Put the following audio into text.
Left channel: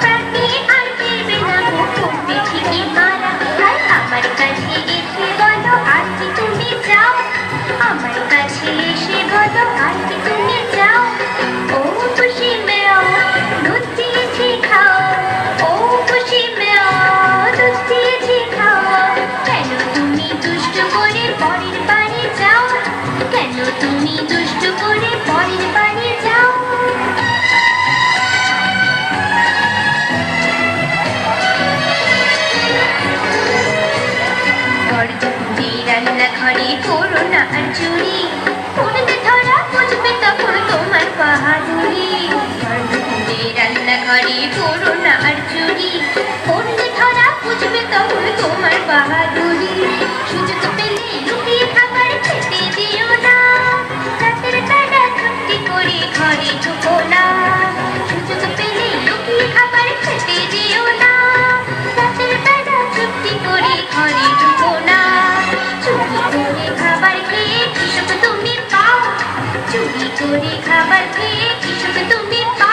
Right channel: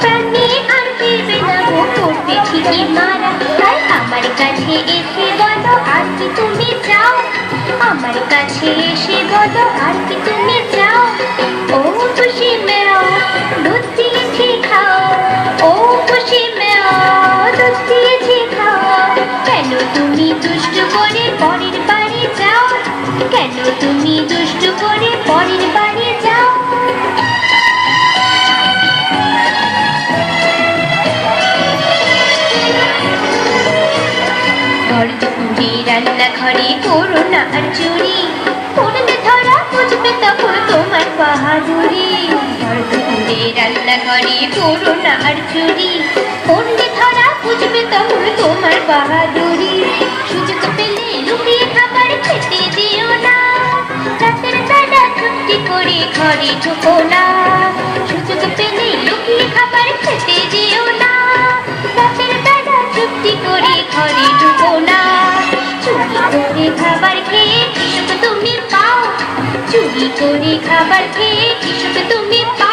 প্রাণে আর ফিরবে না গো, করবে ঠিকই মারা। তাই আমার কাছে এসে বলো আর কি তুমি চাও, আমার কাছে এসে বলো আর কি তুমি চাও। ও খুশি মেও দুধ দিয়েছি খাও, ও খুশি মেও দুধ দিয়েছি খাও। কেন তুমি দুষ্টু করে পরের বাড়ি যাও, কেন তুমি দুষ্টু করে পরের বাড়ি যাও। ঘরে রান্নাঘরে করো না আর চুরি, পড়বে ধরা বুঝবে তখন তোমার বাহাদুরি। ঘরে রান্নাঘরে করো না আর চুরি, পড়বে ধরা বুঝবে তখন তোমার বাহাদুরি। সুযোগ পেলে লুকিয়ে খাবার খেতে দিও না, রাতের বেলা চুপটি করে ঘরে ঢোকো না। সুযোগ পেলে লুকিয়ে খাবার খেতে দিও না, রাতের বেলা চুপটি করে ঘরে ঢোকো না। চুরি করে খাবার খেয়ে কি সুখ তুমি পাও, চুরি করে খাবার খেয়ে কি সুখ তুমি পাও।